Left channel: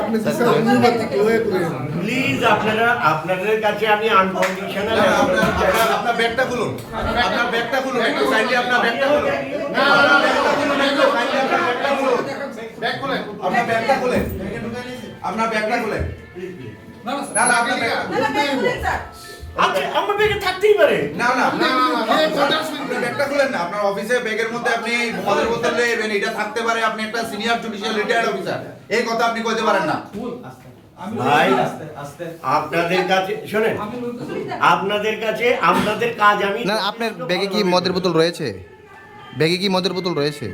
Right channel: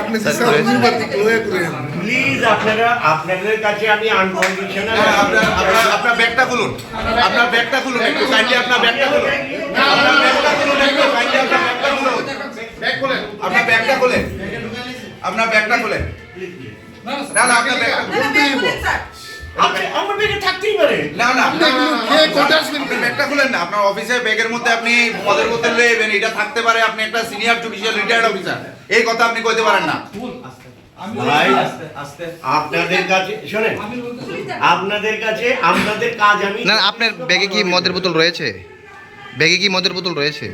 আপনি প্লিজ আপনাদের কাছে আমি আনকন্ডিশনাল আপনার ব্যাগটা খুলুন, আপনার ব্যাগটা খুলুন, একটু কাইন্ডলি আপনার ব্যাগটা খুলুন, ব্যাগ খুলেন, আপনার ব্যাগটা খুলেন, আপনার ব্যাগটা খুলেন। না না, আপনার ব্যাগটা আমার ব্যাগে থাকতেই পারে। না না, ব্যাগটা খুলেন না। আপনার অফিসে ব্যাগের মধ্যে আপনি মদের বোতল নেবেন, এটা থাকতে পারে। আপনি একটা সিনিয়র জুডিশিয়াল রিটায়ার্ড অফিসার, এই কথা আপনি কইতে পারেন না ভাই। আপনাদের কাছে শোনেন, আপনাদের কাছে আপনাদের কাজ আমি না, আপনার ব্যাগে কি মদের বোতল রয়েছে? ব্যাগে কি মদের বোতল রয়েছে?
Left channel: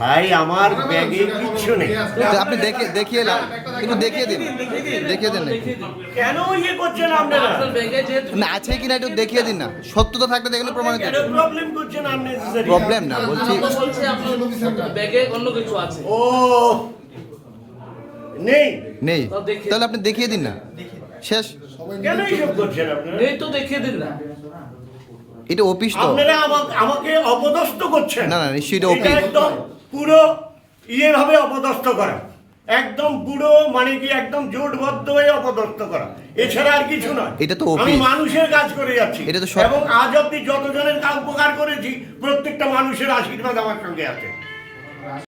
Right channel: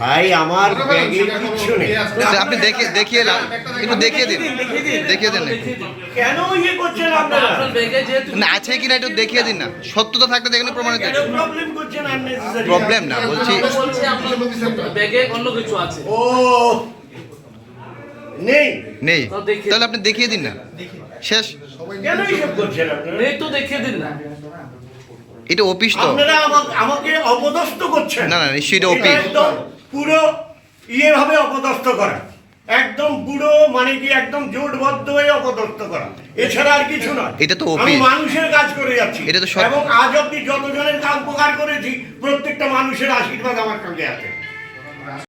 ভাই আমার ব্যাগে কিচ্ছু নেই। আপনি দেখিয়ে একটু দেখিয়ে দিন, দেখিয়ে দেন একটু। কেন ইয়ে করছেন আপনারা? না আছে কিনা একটু দেখিয়ে দিন না, সত্যতা থাকলে দেখুন প্রমাণিত। কেন প্রবলেম করছেন আননেসেসারি? প্রবলেম না বলছি, ব্যাগে অন্য কিছু আছে। ও নেই নেই তাহলে আপনি দেখিয়ে দিন না, শেষ। কেন এইসব করছেন আপনারা? নেই তো দেখিয়ে দিন না। এটা অফিস তো। আপনারা আমাকে অপদস্থ করছেন। না না, নিশ্চয়ই এটা অফিস। একদম পুরো ভাবে অপদস্থ করা, একদম পুরো মানে কি একদম জোটবদ্ধ হয়ে অপদস্থ করা, এছাড়া আর কিছু নয়। এটা তো আমি অফিস। মানুষের কাজ করে যাচ্ছি, এটা তো এবং আজ অব্দি যতজনের কাজ উপকার করেছি প্রত্যেকটা মানুষের আশীর্বাদ আমার সঙ্গে আছে।